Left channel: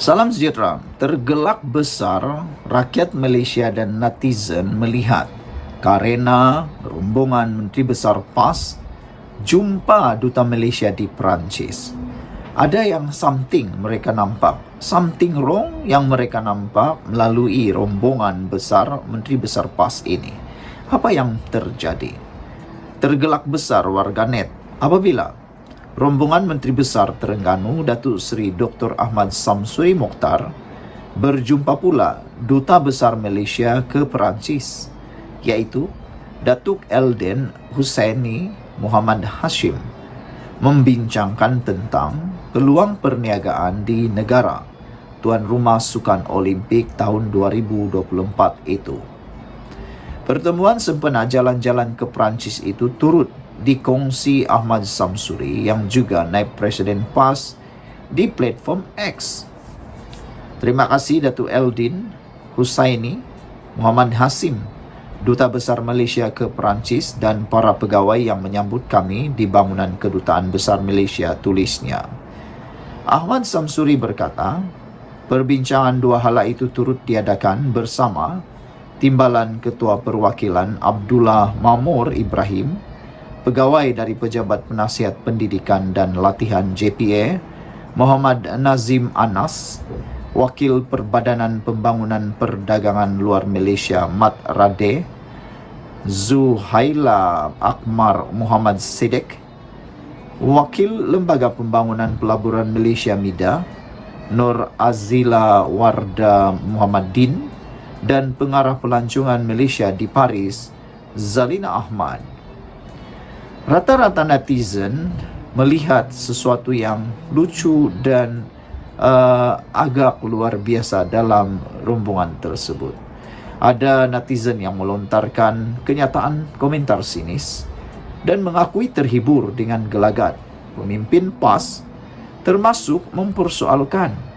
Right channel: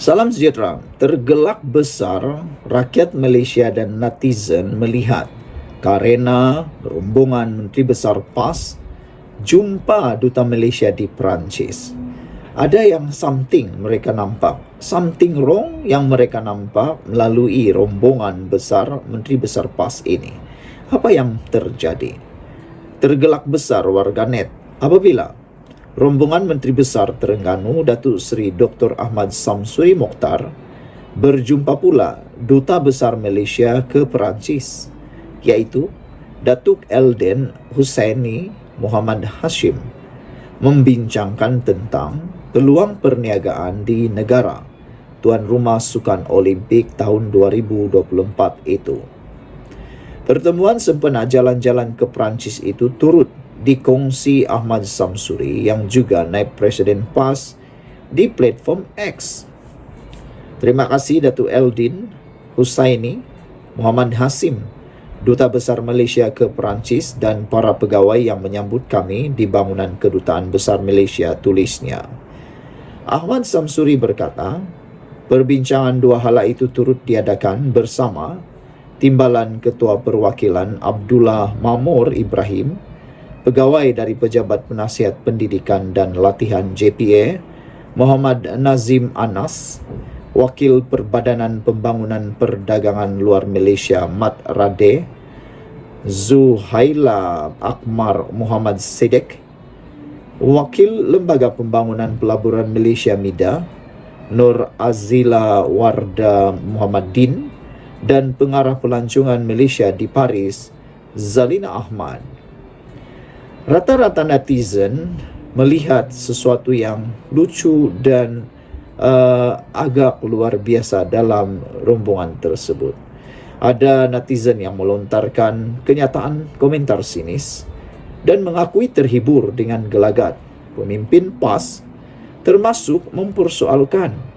Salam sejahtera. Tergelak besar rakyat Malaysia dan netizen melihat karena rombongan Menteri Besar PAS jumpa Duta Malaysia di Perancis. Ada yang something mereka nampak, something wrong yang mereka nampak melalui rombongan besar Menteri Besar PAS ini. Apa yang terjadi? Tergelak besar warganet apabila rombongan Menteri Besar Terengganu Datuk Seri Dr. Ahmad Samsuri Mokhtar berjumpa pula Duta Besar Malaysia ke Perancis, iaitu Datuk Elden Hussaini Muhammad Hashim, membincangkan tentang peluang perniagaan di negara tuan rumah Sukan Olimpik tahun 2024 itu. Pertemuan sempena jalan-jalan ke Perancis itu turut dikongsi Ahmad Samsuri yang juga naib Presiden PAS di platform X. Terima kasih Datuk Eldin Hussaini Muhammad Hashim, Duta Besar Malaysia ke Perancis dan para pegawai yang menyambut kami di bangunan Kedutaan Besar Malaysia, tulisnya. Ahmad Samsuri berkata, perbincangan dua hala itu turut diadakan bersama Timbalan Ketua Perwakilan Abdullah Mamur Ibrahim, pegawai dari Pejabat Penasihat Pendidikan dan Latihan JPA, Muhammad Nazim Anas, Wakil Perbadanan Pembangunan Perdagangan Luar Malaysia Mat Rade, Zuhaila Akmar Muhammad Sidek, Wakil Lembaga Pembangunan Pelaburan Malaysia MIDA, Nur Azila Warda Muhammad Din, dan Pengarah Pelancongan Malaysia di Paris, Zalina Ahmad. Rata-rata netizen melihat sesuatu yang lucu dan agak luar biasa dalam rombongan tersebut. Ada netizen yang melontarkan kenyataan komentar sinis dan mengakui terhibur dengan gelagat pemimpin PAS, termasuk mempersoalkan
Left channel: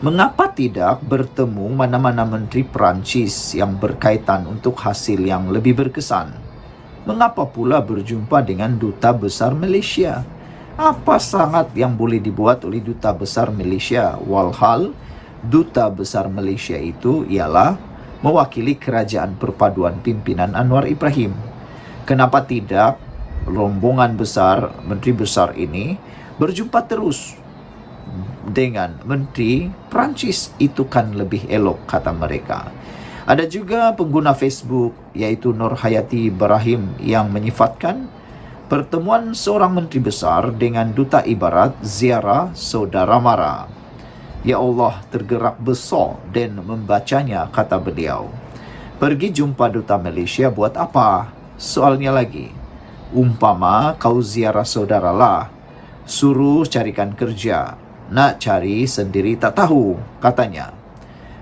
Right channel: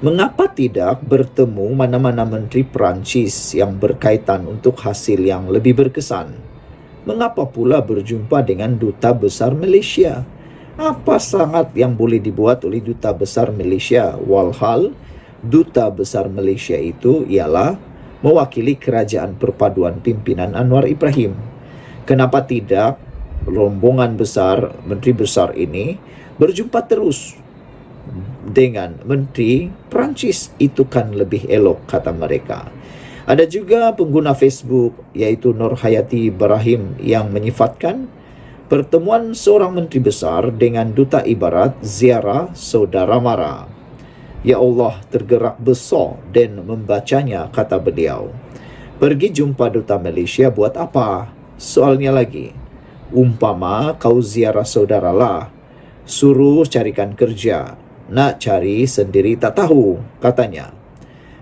mengapa tidak bertemu mana-mana menteri Perancis yang berkaitan untuk hasil yang lebih berkesan. Mengapa pula berjumpa dengan Duta Besar Malaysia? Apa sangat yang boleh dibuat oleh Duta Besar Malaysia? Walhal Duta Besar Malaysia itu ialah mewakili Kerajaan Perpaduan Pimpinan Anwar Ibrahim. Kenapa tidak rombongan besar Menteri Besar ini berjumpa terus dengan Menteri Perancis? Itu kan lebih elok, kata mereka. Ada juga pengguna Facebook iaitu Nur Hayati Ibrahim yang menyifatkan pertemuan seorang menteri besar dengan duta ibarat ziarah saudara mara. Ya Allah, tergerak besar dan membacanya, kata beliau. Pergi jumpa duta Malaysia buat apa? Soalnya lagi, umpama kau ziarah saudara lah, suruh carikan kerja, nak cari sendiri tak tahu, katanya.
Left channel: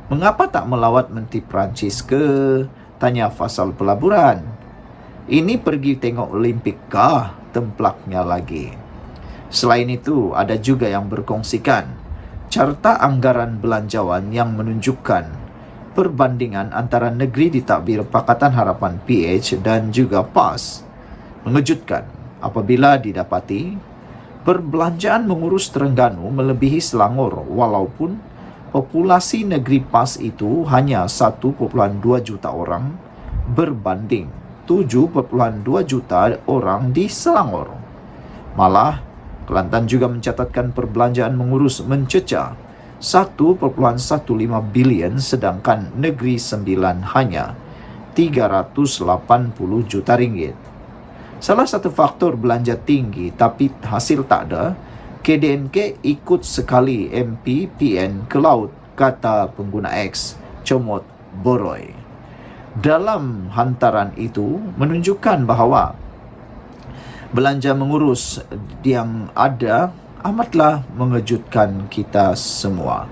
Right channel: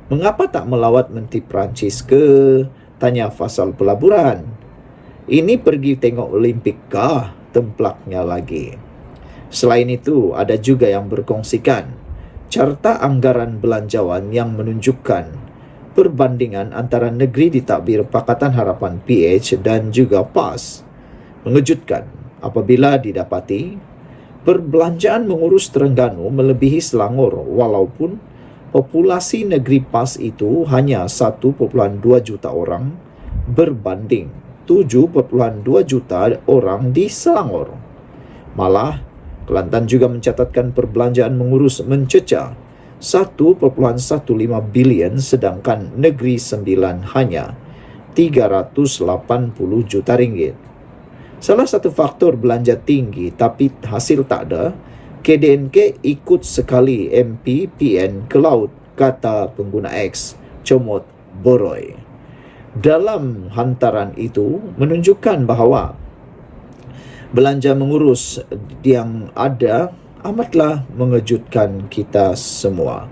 Mengapa tak melawat Menteri Perancis ke? Tanya Fasal Pelaburan. Ini pergi tengok Olimpik kah? Templaknya lagi. Selain itu, ada juga yang berkongsikan carta anggaran belanjawan yang menunjukkan perbandingan antara negeri ditadbir Pakatan Harapan PH dan juga PAS. Mengejutkan apabila didapati perbelanjaan mengurus Terengganu melebihi Selangor, walaupun populasi negeri PAS itu hanya 1.2 juta orang berbanding 7.2 juta orang di Selangor. Malah, Kelantan juga mencatatkan perbelanjaan mengurus mencecah 1.15 bilion, sedangkan Negeri Sembilan hanya 380 juta ringgit. Salah satu faktor belanja tinggi tapi hasil tak ada, KDNK ikut sekali MP PN ke laut, kata pengguna X Comot Boroy. Dalam hantaran itu menunjukkan bahawa belanja mengurus yang ada amatlah mengejutkan kita semua.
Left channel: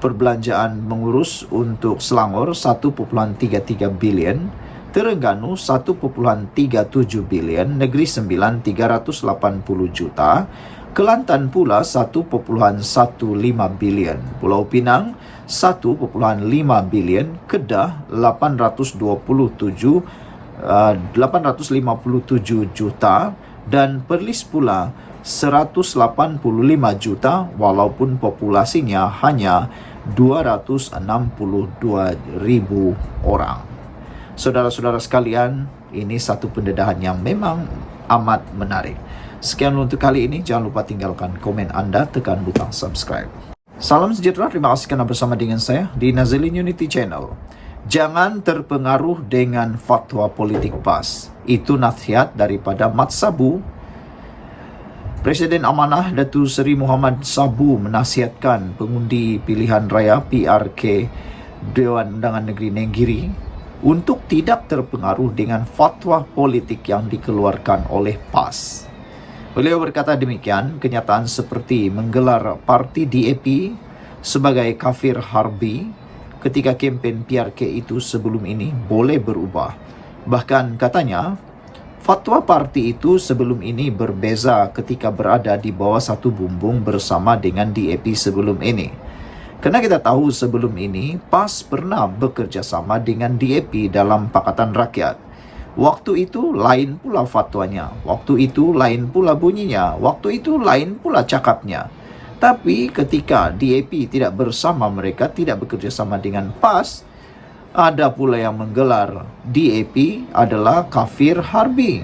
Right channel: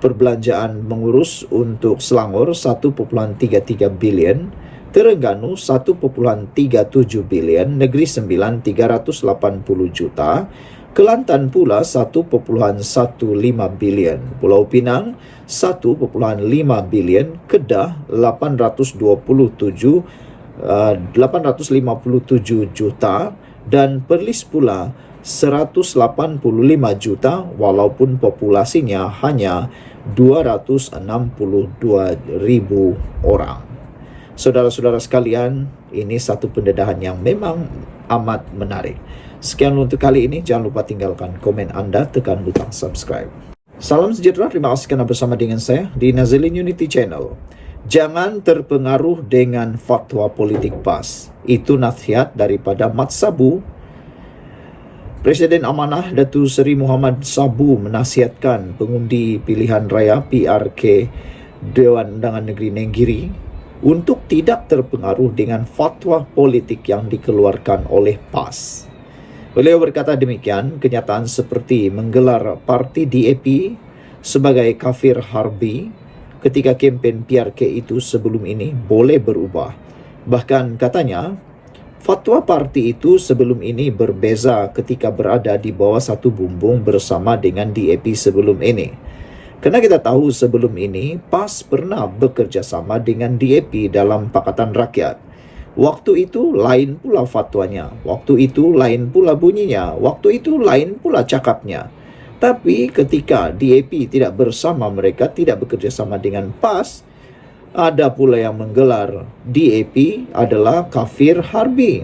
Perbelanjaan mengurus untuk Selangor 1.33 bilion, Terengganu 1.37 bilion, Negeri Sembilan 380 juta, Kelantan pula 1.15 bilion, Pulau Pinang 1.5 bilion, Kedah 857 juta dan Perlis pula 185 juta walaupun populasinya hanya 262 ribu orang. Saudara-saudara sekalian, ini satu pendedahan yang memang amat menarik. Sekian untuk kali ini, jangan lupa tinggalkan komen Anda, tekan butang subscribe. Salam sejahtera, terima kasih kerana bersama dengan saya di Nazilin Unity Channel. Jangan terpengaruh dengan fatwa politik PAS. Itu nasihat daripada Mat Sabu. Presiden Amanah Datuk Seri Muhammad Sabu menasihatkan pengundi pilihan raya PRK Dewan Undangan Negeri Nenggiri untuk tidak terpengaruh dengan fatwa politik yang dikeluarkan oleh PAS. Beliau berkata demikian, kenyataan seperti menggelar parti DAP sebagai kafir harbi ketika kempen PRK itu sebelum ini boleh berubah. Bahkan katanya, fatwa parti itu sebelum ini berbeza ketika berada di bawah satu bumbung bersama dengan DAP sebelum ini. Kerana kita tahu sebelum ini, PAS pernah bekerjasama dengan DAP dalam Pakatan Rakyat. Waktu itu lain pula fatwanya, waktu itu lain pula bunyinya, waktu itu lain pula cakapnya. Tapi ketika DAP tidak bersama mereka, tidak bekerjasama dengan PAS, ada pula yang menggelar DAP adalah kafir harbi.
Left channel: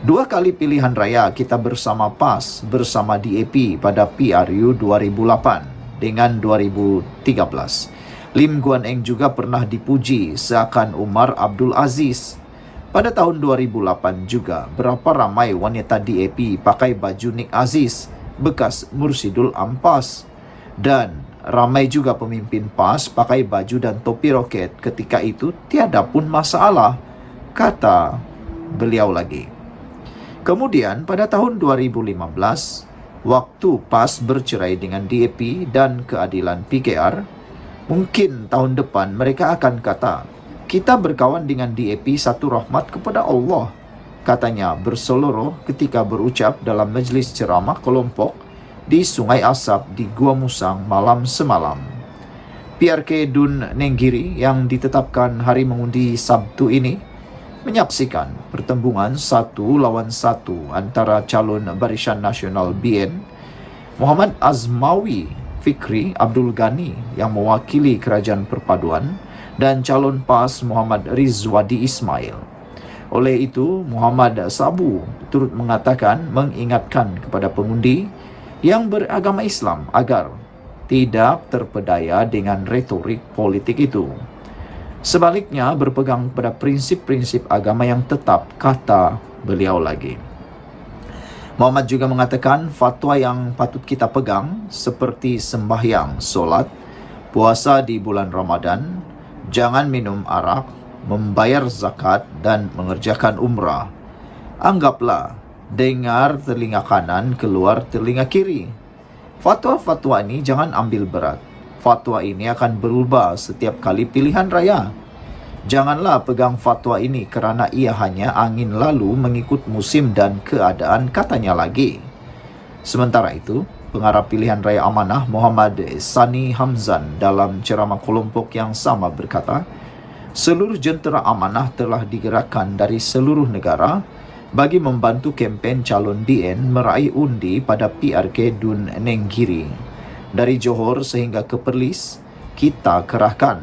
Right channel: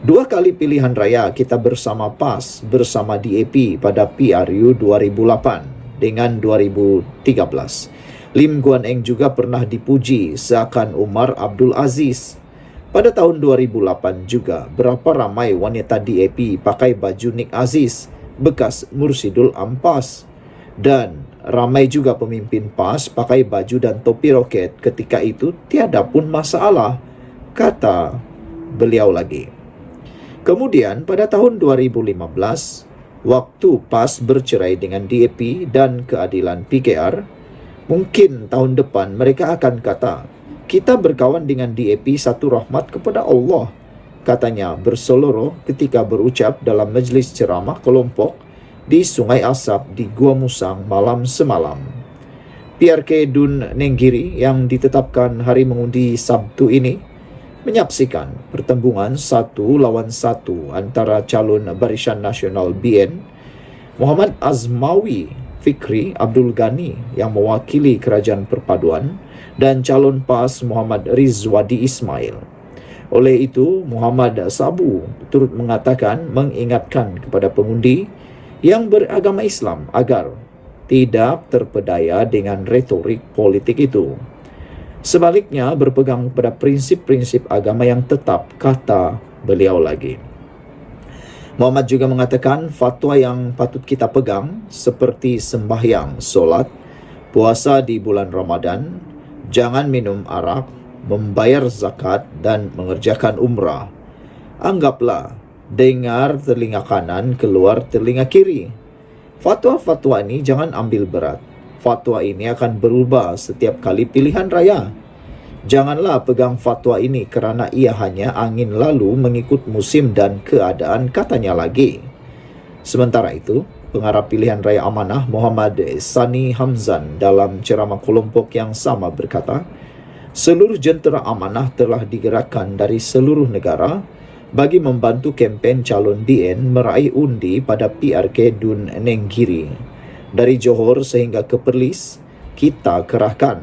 2 kali pilihan raya kita bersama PAS, bersama DAP pada PRU 2008 dengan 2013. Lim Guan Eng juga pernah dipuji seakan Umar Abdul Aziz. Pada tahun 2008 juga, berapa ramai wanita DAP pakai baju Nik Aziz, bekas Mursidul Ampas. Dan ramai juga pemimpin PAS pakai baju dan topi roket ketika itu tiada pun masalah, kata beliau lagi. Kemudian pada tahun 2015, waktu PAS bercerai dengan DAP dan keadilan PKR, mungkin tahun depan mereka akan kata, kita berkawan dengan DAP satu rahmat kepada Allah, katanya berseloroh ketika berucap dalam majlis ceramah kelompok di Sungai Asap di Gua Musang malam semalam. PRK Dun Nenggiri yang ditetapkan hari mengundi Sabtu ini menyaksikan pertembungan 1 lawan 1 antara calon Barisan Nasional BN Muhammad Azmawi Fikri Abdul Ghani yang mewakili Kerajaan Perpaduan dan calon PAS Muhammad Rizwadi Ismail. Oleh itu, Muhammad Sabu turut mengingatkan kepada pengundi yang beragama Islam agar tidak terpedaya dengan retorik politik itu. Sebaliknya, berpegang pada prinsip-prinsip agama yang tetap, kata beliau lagi. Muhammad juga mengatakan fatwa yang patut kita pegang seperti sembahyang, solat, puasa di bulan Ramadan, jangan minum arak, membayar zakat dan mengerjakan umrah. Anggaplah dengar telinga kanan, keluar telinga kiri. Fatwa-fatwa ini jangan ambil berat. Fatwa ini akan berubah setiap kali pilihan raya. Janganlah pegang fatwa ini kerana ia hanya angin lalu mengikut musim dan keadaan, katanya lagi. Sementara itu, pengarah pilihan raya Amanah Muhammad Sani Hamzan dalam ceramah kelompok yang sama berkata, seluruh jentera Amanah telah digerakkan dari seluruh negara bagi membantu kempen calon DN meraih undi pada PRK Dun Nenggiri. Dari Johor sehingga ke Perlis, kita kerahkan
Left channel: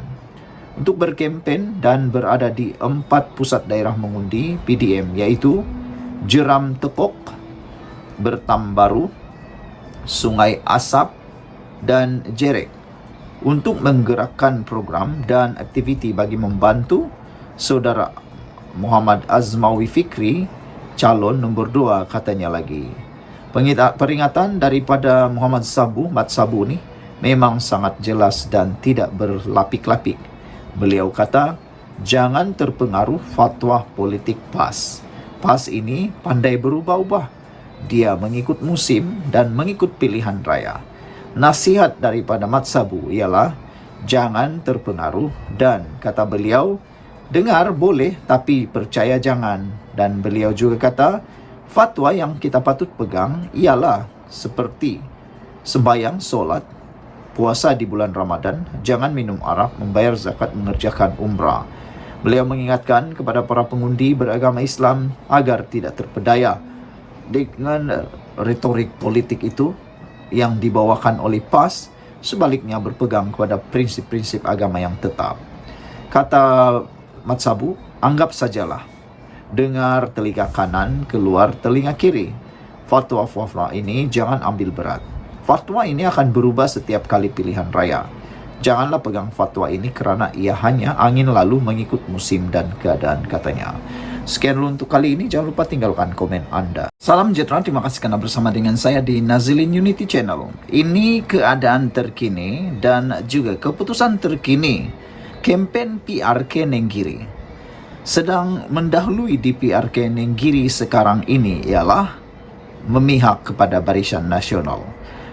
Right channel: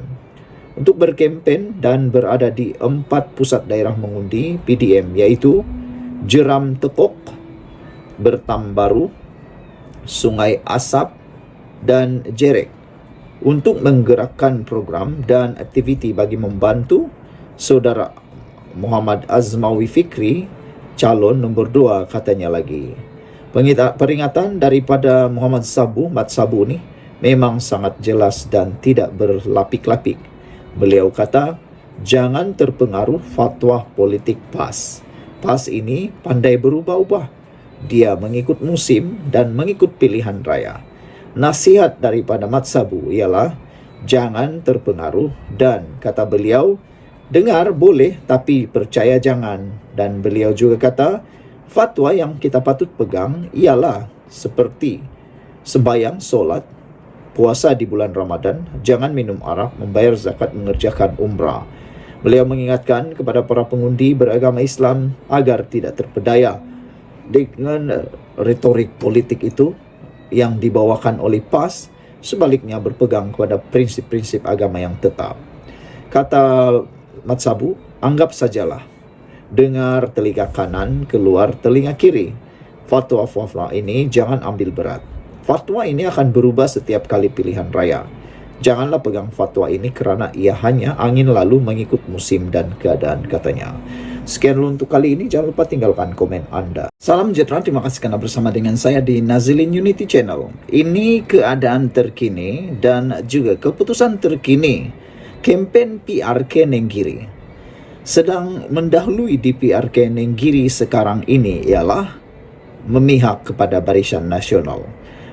untuk berkempen dan berada di 4 pusat daerah mengundi PDM, iaitu Jeram Tekok, Bertambaru, Sungai Asap dan Jerek, untuk menggerakkan program dan aktiviti bagi membantu saudara Muhammad Azmawi Fikri, calon nombor 2, katanya lagi. Peringatan daripada Muhammad Sabu, Mat Sabu ni memang sangat jelas dan tidak berlapik-lapik. Beliau kata, jangan terpengaruh fatwa politik PAS. PAS ini pandai berubah-ubah. Dia mengikut musim dan mengikut pilihan raya. Nasihat daripada Mat Sabu ialah jangan terpengaruh dan, kata beliau, dengar boleh tapi percaya jangan. Dan beliau juga kata, fatwa yang kita patut pegang ialah seperti sembahyang, solat, puasa di bulan Ramadan, jangan minum arak, membayar zakat, mengerjakan umrah. Beliau mengingatkan kepada para pengundi beragama Islam agar tidak terpedaya dengan retorik politik itu yang dibawakan oleh PAS, sebaliknya berpegang kepada prinsip-prinsip agama yang tetap. Kata Mat Sabu, anggap sajalah, dengar telinga kanan, keluar telinga kiri. Fatwa-fatwa ini jangan ambil berat. Fatwa ini akan berubah setiap kali pilihan raya. Janganlah pegang fatwa ini kerana ia hanya angin lalu mengikut musim dan keadaan, katanya. Sekian dulu untuk kali ini. Jangan lupa tinggalkan komen Anda. Salam sejahtera, terima kasih karena bersama dengan saya di Nazilin Unity Channel. Ini keadaan terkini dan juga keputusan terkini kempen PRK Nenggiri. Sedang mendahului di PRK Nenggiri sekarang ini ialah memihak kepada Barisan Nasional.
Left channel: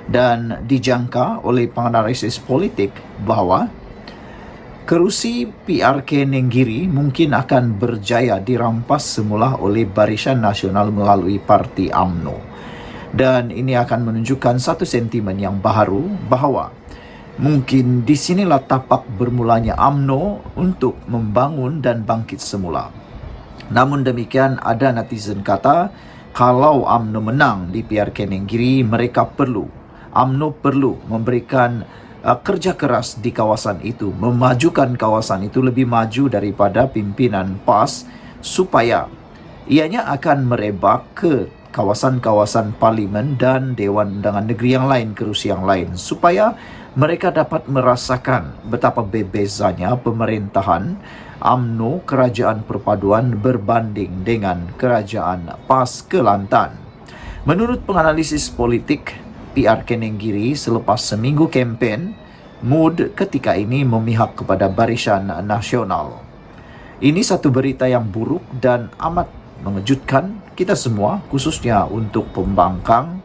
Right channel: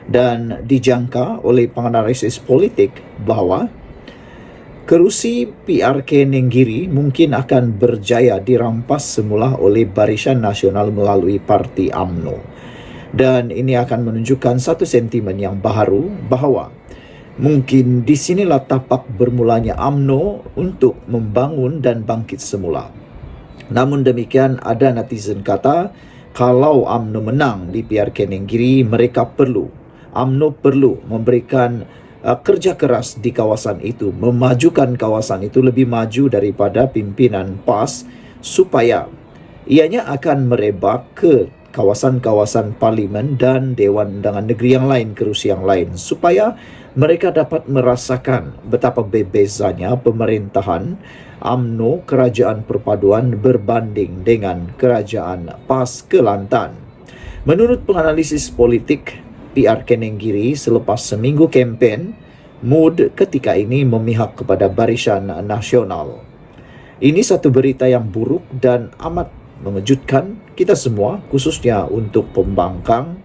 Dan dijangka oleh penganalisis politik bahawa kerusi PRK Nenggiri mungkin akan berjaya dirampas semula oleh Barisan Nasional melalui Parti UMNO. Dan ini akan menunjukkan satu sentimen yang baru bahawa mungkin di sinilah tapak bermulanya UMNO untuk membangun dan bangkit semula. Namun demikian, ada netizen kata kalau UMNO menang di PRK Nenggiri, UMNO perlu memberikan kerja keras di kawasan itu, memajukan kawasan itu lebih maju daripada pimpinan PAS supaya ianya akan merebak ke kawasan-kawasan parlimen dan Dewan Undangan Negeri yang lain, kerusi yang lain, supaya mereka dapat merasakan betapa berbezanya pemerintahan UMNO Kerajaan Perpaduan berbanding dengan Kerajaan PAS Kelantan. Menurut penganalisis politik PRK Nenggiri, selepas seminggu kempen, mood ketika ini memihak kepada Barisan Nasional. Ini satu berita yang buruk dan amat mengejutkan kita semua, khususnya untuk pembangkang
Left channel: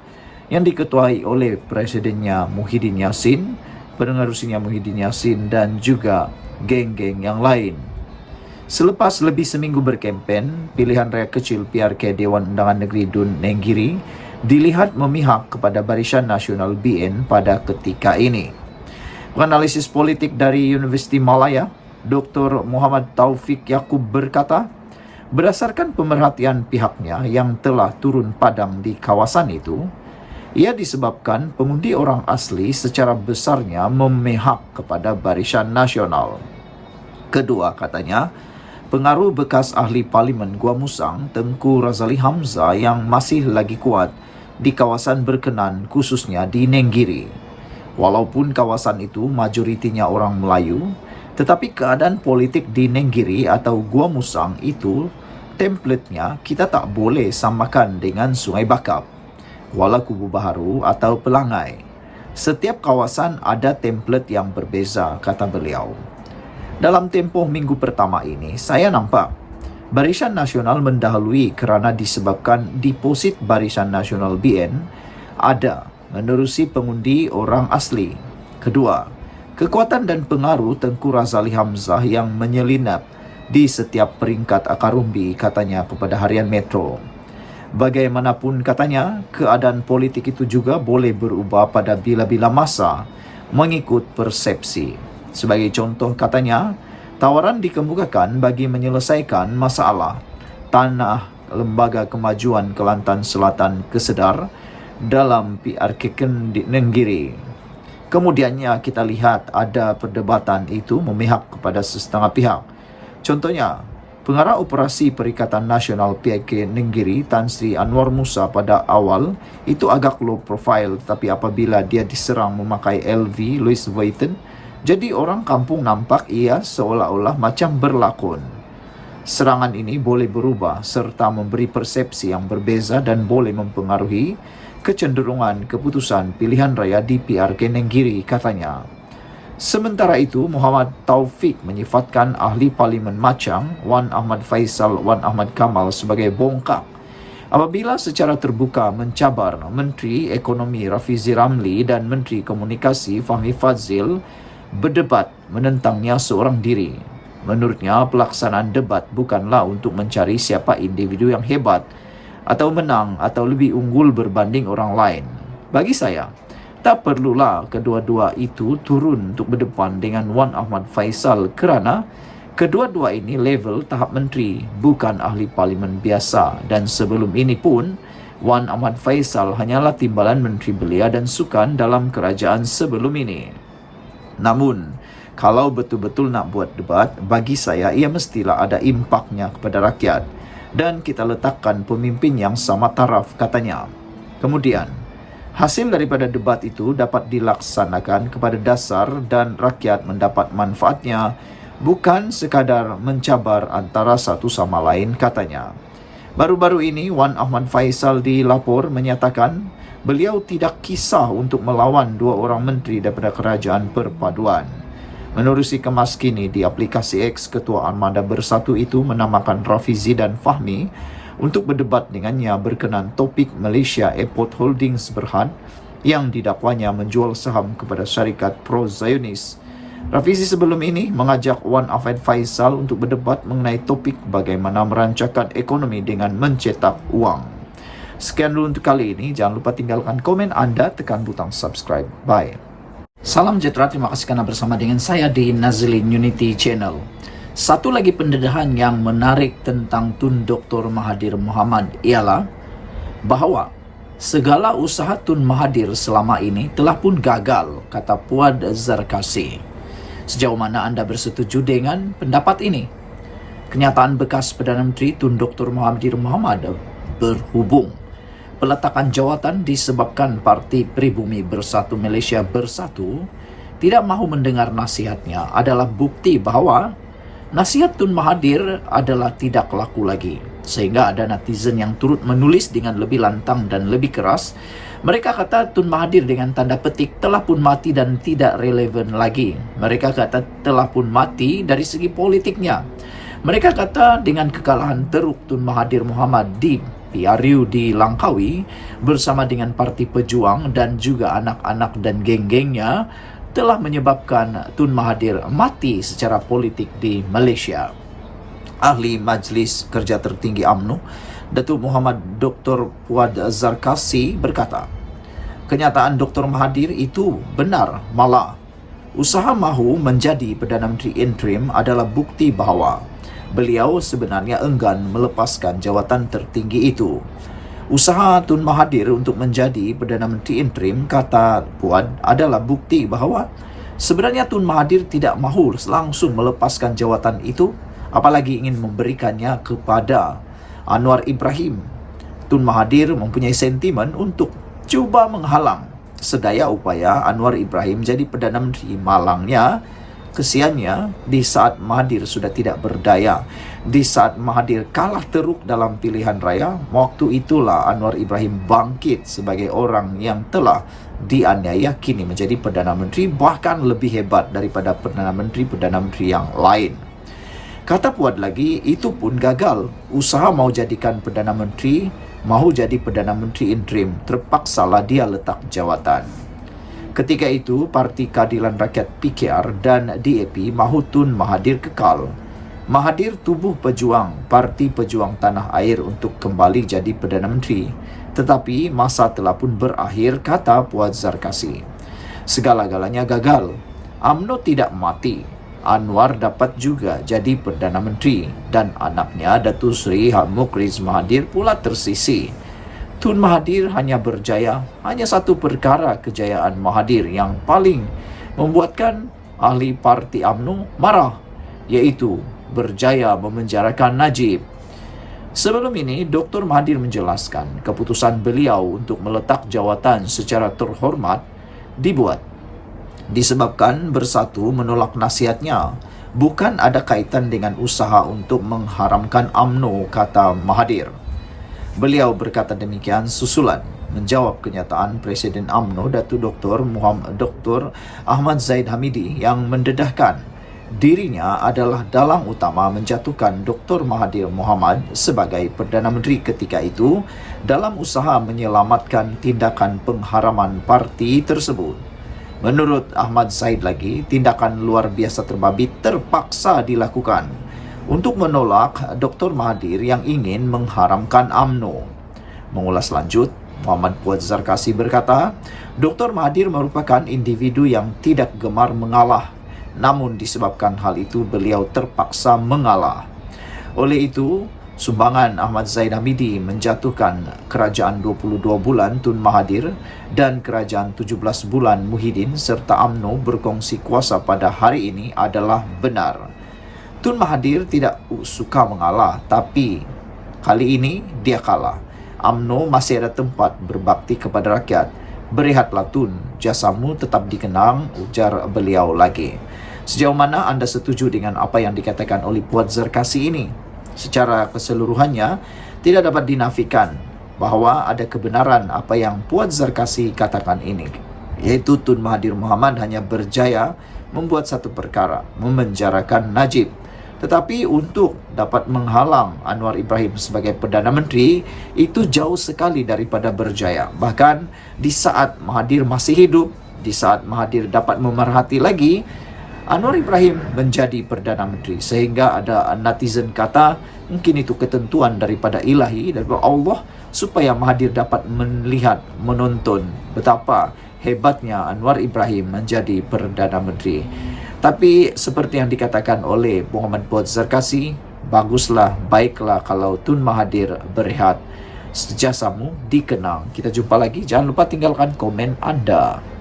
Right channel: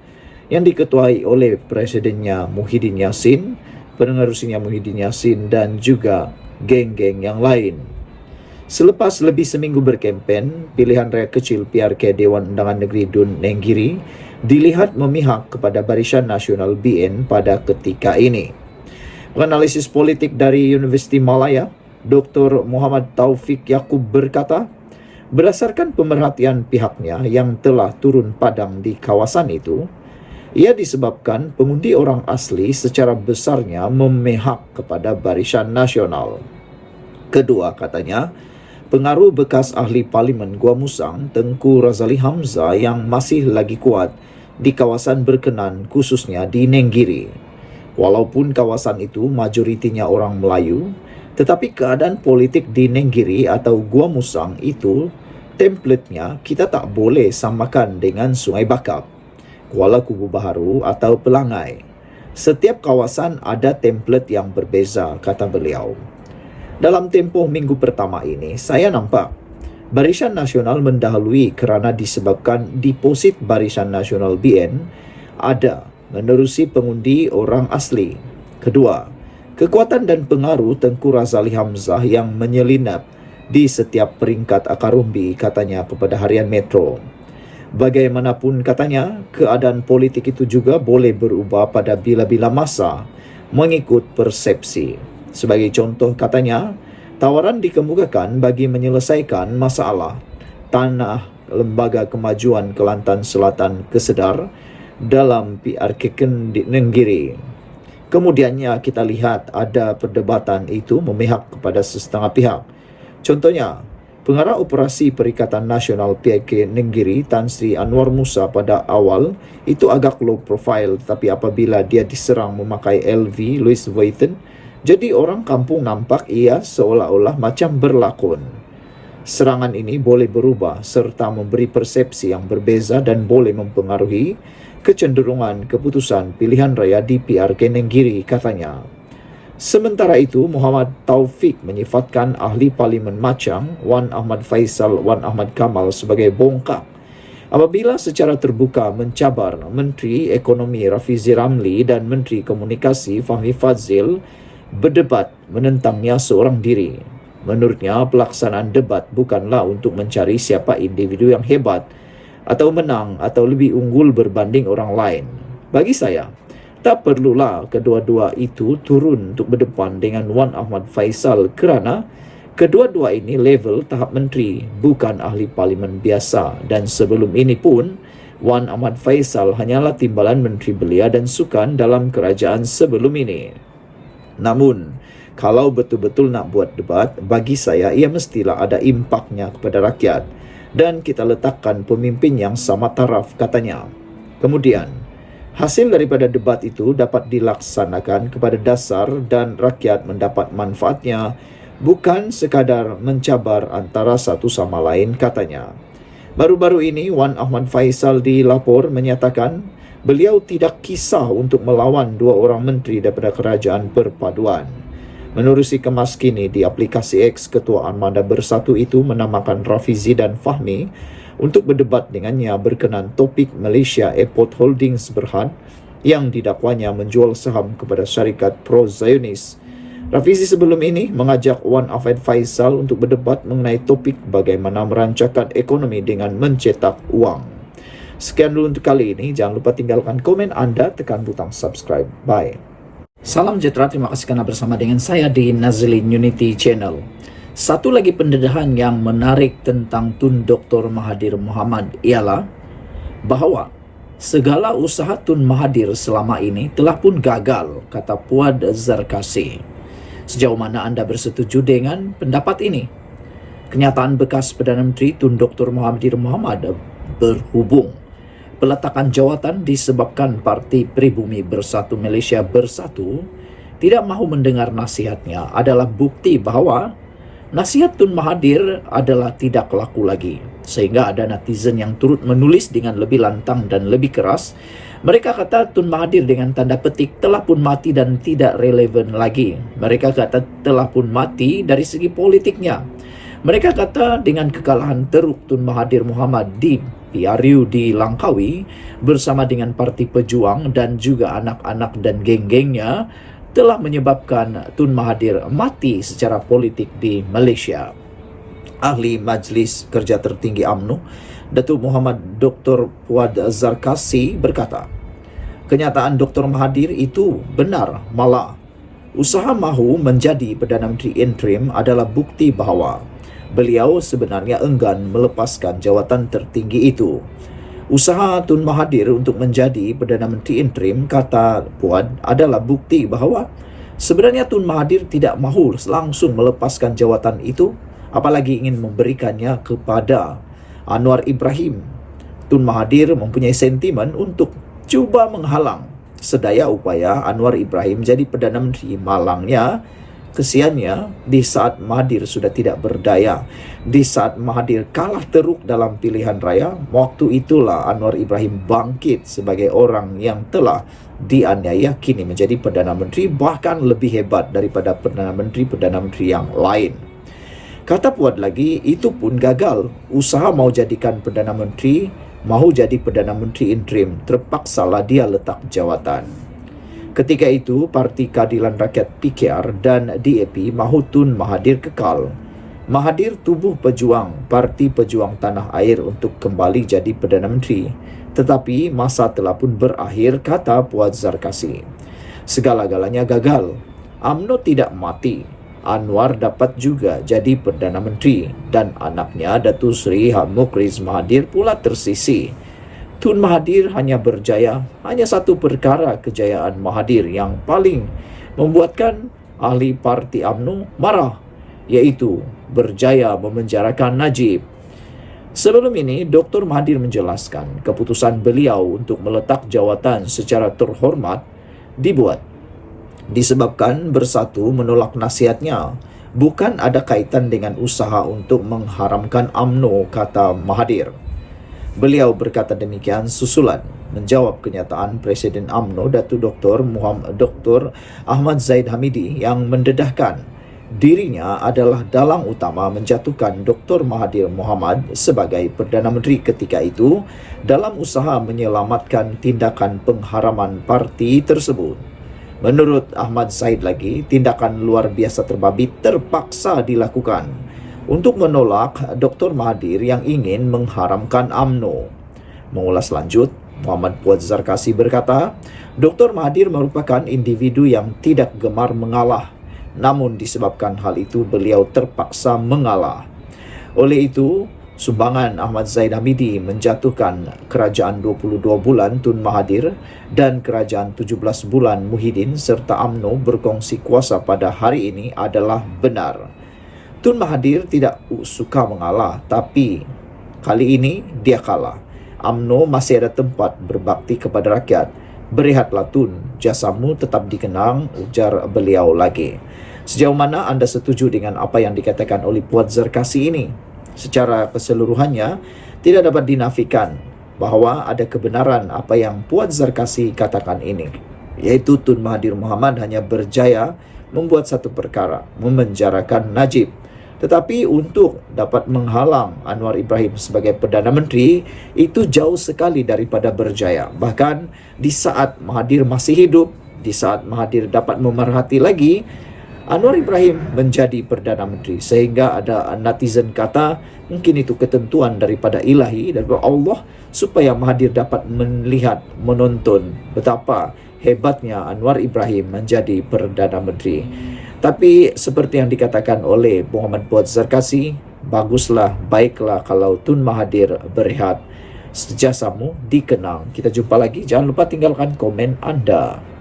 yang diketuai oleh Presidennya Muhyiddin Yassin, penerusinya Muhyiddin Yassin dan juga geng-geng yang lain. Selepas lebih seminggu berkempen, pilihan raya kecil PRK Dewan Undangan Negeri Dun Nenggiri dilihat memihak kepada Barisan Nasional BN pada ketika ini. Penganalisis politik dari Universiti Malaya, Dr. Muhammad Taufik Yaakob berkata, berdasarkan pemerhatian pihaknya yang telah turun padang di kawasan itu, ia disebabkan pengundi orang asli secara besarnya memihak kepada Barisan Nasional. Kedua, katanya, pengaruh bekas ahli Parlimen Gua Musang, Tengku Razali Hamzah yang masih lagi kuat di kawasan berkenan, khususnya di Nenggiri. Walaupun kawasan itu majoritinya orang Melayu, tetapi keadaan politik di Nenggiri atau Gua Musang itu, templatenya kita tak boleh samakan dengan Sungai Bakap, Kuala Kubu Baharu atau Pelangai. Setiap kawasan ada template yang berbeza, kata beliau. Dalam tempoh minggu pertama ini, saya nampak Barisan Nasional mendahului kerana disebabkan deposit Barisan Nasional BN ada menerusi pengundi orang asli. Kedua, kekuatan dan pengaruh Tengku Razali Hamzah yang menyelinap di setiap peringkat akar umbi, katanya kepada Harian Metro. Bagaimanapun, katanya, keadaan politik itu juga boleh berubah pada bila-bila masa mengikut persepsi. Sebagai contoh, katanya, tawaran dikemukakan bagi menyelesaikan masalah tanah Lembaga Kemajuan Kelantan Selatan kesedar dalam PRK Nenggiri. Kemudiannya kita lihat ada perdebatan itu memihak kepada setengah pihak. Contohnya, Pengarah Operasi Perikatan Nasional PRK Nenggiri, Tan Sri Anwar Musa pada awal itu agak low profile, tapi apabila dia diserang memakai LV Louis Vuitton, jadi orang kampung nampak ia seolah-olah macam berlakon. Serangan ini boleh berubah serta memberi persepsi yang berbeza dan boleh mempengaruhi kecenderungan keputusan pilihan raya di PRK Nenggiri, katanya. Sementara itu, Muhammad Taufik menyifatkan ahli Parlimen Machang, Wan Ahmad Faisal Wan Ahmad Kamal sebagai bongkak apabila secara terbuka mencabar Menteri Ekonomi Rafizi Ramli dan Menteri Komunikasi Fahmi Fadzil berdebat menentangnya seorang diri. Menurutnya, pelaksanaan debat bukanlah untuk mencari siapa individu yang hebat atau menang atau lebih unggul berbanding orang lain. Bagi saya, tak perlulah kedua-dua itu turun untuk berdepan dengan Wan Ahmad Faisal kerana kedua-dua ini level tahap menteri, bukan ahli parlimen biasa. Dan sebelum ini pun, Wan Ahmad Faisal hanyalah timbalan Menteri Belia dan Sukan dalam kerajaan sebelum ini. Namun, kalau betul-betul nak buat debat, bagi saya ia mestilah ada impaknya kepada rakyat dan kita letakkan pemimpin yang sama taraf, katanya. Kemudian, hasil daripada debat itu dapat dilaksanakan kepada dasar dan rakyat mendapat manfaatnya, bukan sekadar mencabar antara satu sama lain, katanya. Baru-baru ini, Wan Ahmad Faisal dilapor menyatakan beliau tidak kisah untuk melawan dua orang menteri daripada kerajaan perpaduan. Menerusi kemas kini di aplikasi X, Ketua Armada Bersatu itu menamakan Rafizi dan Fahmi untuk berdebat dengannya berkenaan topik Malaysia Airport Holdings Berhad yang didakwanya menjual saham kepada syarikat pro-Zionis. Rafizi sebelum ini mengajak Wan Ahmad Faisal untuk berdebat mengenai topik bagaimana merancangkan ekonomi dengan mencetak uang. Sekian dulu untuk kali ini. Jangan lupa tinggalkan komen anda, tekan butang subscribe. Bye. Salam sejahtera, terima kasih kerana bersama dengan saya di Nazlin Unity Channel. Satu lagi pendedahan yang menarik tentang Tun Dr. Mahathir Mohamad ialah bahawa segala usaha Tun Mahathir selama ini telah pun gagal, kata Puad Zarkasi. Sejauh mana anda bersetuju dengan pendapat ini? Kenyataan bekas Perdana Menteri Tun Dr. Mahathir Mohamad berhubung peletakan jawatan disebabkan Parti Pribumi Bersatu Malaysia Bersatu tidak mahu mendengar nasihatnya adalah bukti bahawa nasihat Tun Mahathir adalah tidak laku lagi. Sehingga ada netizen yang turut menulis dengan lebih lantang dan lebih keras. Mereka kata Tun Mahathir dengan tanda petik telah pun mati dan tidak relevan lagi. Mereka kata telah pun mati dari segi politiknya. Mereka kata dengan kekalahan teruk Tun Mahathir Mohamad di PRU di Langkawi bersama dengan Parti Pejuang dan juga anak-anak dan geng-gengnya telah menyebabkan Tun Mahathir mati secara politik di Malaysia. Ahli Majlis Kerja Tertinggi UMNO, Datuk Muhammad Dr. Puad Zarkasi berkata, kenyataan Dr. Mahathir itu benar, malah usaha mahu menjadi Perdana Menteri interim adalah bukti bahawa beliau sebenarnya enggan melepaskan jawatan tertinggi itu. Usaha Tun Mahathir untuk menjadi Perdana Menteri interim, kata Puad, adalah bukti bahawa sebenarnya Tun Mahathir tidak mahu langsung melepaskan jawatan itu, apalagi ingin memberikannya kepada Anwar Ibrahim. Tun Mahathir mempunyai sentimen untuk cuba menghalang sedaya upaya Anwar Ibrahim jadi Perdana Menteri. Malangnya, kesiannya, di saat Mahathir sudah tidak berdaya, di saat Mahathir kalah teruk dalam pilihan raya, waktu itulah Anwar Ibrahim bangkit sebagai orang yang telah dianiaya kini menjadi Perdana Menteri, bahkan lebih hebat daripada Perdana Menteri yang lain. Kata Puad lagi, itu pun gagal. Usaha mau jadikan Perdana Menteri, mahu jadi Perdana Menteri interim, terpaksalah dia letak jawatan. Ketika itu, Parti Keadilan Rakyat PKR dan DAP mahu Tun Mahathir kekal. Mahathir tubuh pejuang Parti Pejuang Tanah Air untuk kembali jadi Perdana Menteri. Tetapi masa telah pun berakhir, kata Puad Zarkasi. Segala-galanya gagal. UMNO tidak mati. Anwar dapat juga jadi Perdana Menteri dan anaknya Datuk Seri Mukhriz Mahathir pula tersisi. Tun Mahathir hanya berjaya, hanya satu perkara kejayaan Mahathir yang paling membuatkan ahli Parti UMNO marah, iaitu berjaya memenjarakan Najib. Sebelum ini, Dr. Mahathir menjelaskan keputusan beliau untuk meletak jawatan secara terhormat dibuat disebabkan Bersatu menolak nasihatnya, bukan ada kaitan dengan usaha untuk mengharamkan UMNO, kata Mahathir. Beliau berkata demikian susulan menjawab kenyataan Presiden UMNO Datuk Dr. Ahmad Zahid Hamidi yang mendedahkan dirinya adalah dalang utama menjatuhkan Dr. Mahathir Mohamad sebagai Perdana Menteri ketika itu dalam usaha menyelamatkan tindakan pengharaman parti tersebut. Menurut Ahmad Zahid lagi, tindakan luar biasa terbabit terpaksa dilakukan untuk menolak Dr. Mahathir yang ingin mengharamkan UMNO. Mengulas lanjut, Muhammad Puad Zarkasi berkata, Dr. Mahathir merupakan individu yang tidak gemar mengalah, namun disebabkan hal itu beliau terpaksa mengalah. Oleh itu, Sumbangan Ahmad Zaid Hamidi menjatuhkan kerajaan 22 bulan Tun Mahathir dan kerajaan 17 bulan Muhyiddin serta UMNO berkongsi kuasa pada hari ini adalah benar. Tun Mahathir tidak suka mengalah, tapi kali ini dia kalah. UMNO masih ada tempat berbakti kepada rakyat. Berehatlah Tun, jasamu tetap dikenang, ujar beliau lagi. Sejauh mana anda setuju dengan apa yang dikatakan oleh Puan Zarkasi ini? Secara keseluruhannya, tidak dapat dinafikan bahawa ada kebenaran apa yang Puan Zarkasi katakan ini, yaitu Tun Mahathir Mohamad hanya berjaya membuat satu perkara, memenjarakan Najib. Tetapi untuk dapat menghalang Anwar Ibrahim sebagai Perdana Menteri, itu jauh sekali daripada berjaya. Bahkan di saat Mahathir masih hidup, di saat Mahathir dapat memerhati lagi, Anwar Ibrahim menjadi Perdana Menteri. Sehingga ada netizen kata, mungkin itu ketentuan daripada ilahi, daripada Allah, supaya Mahathir dapat melihat, menonton betapa hebatnya Anwar Ibrahim menjadi Perdana Menteri. Tapi seperti yang dikatakan oleh Muhammad Puan Zarkasi, baguslah, baiklah kalau Tun Mahathir berehat. Jasamu dikenang. Kita jumpa lagi. Jangan lupa tinggalkan komen anda.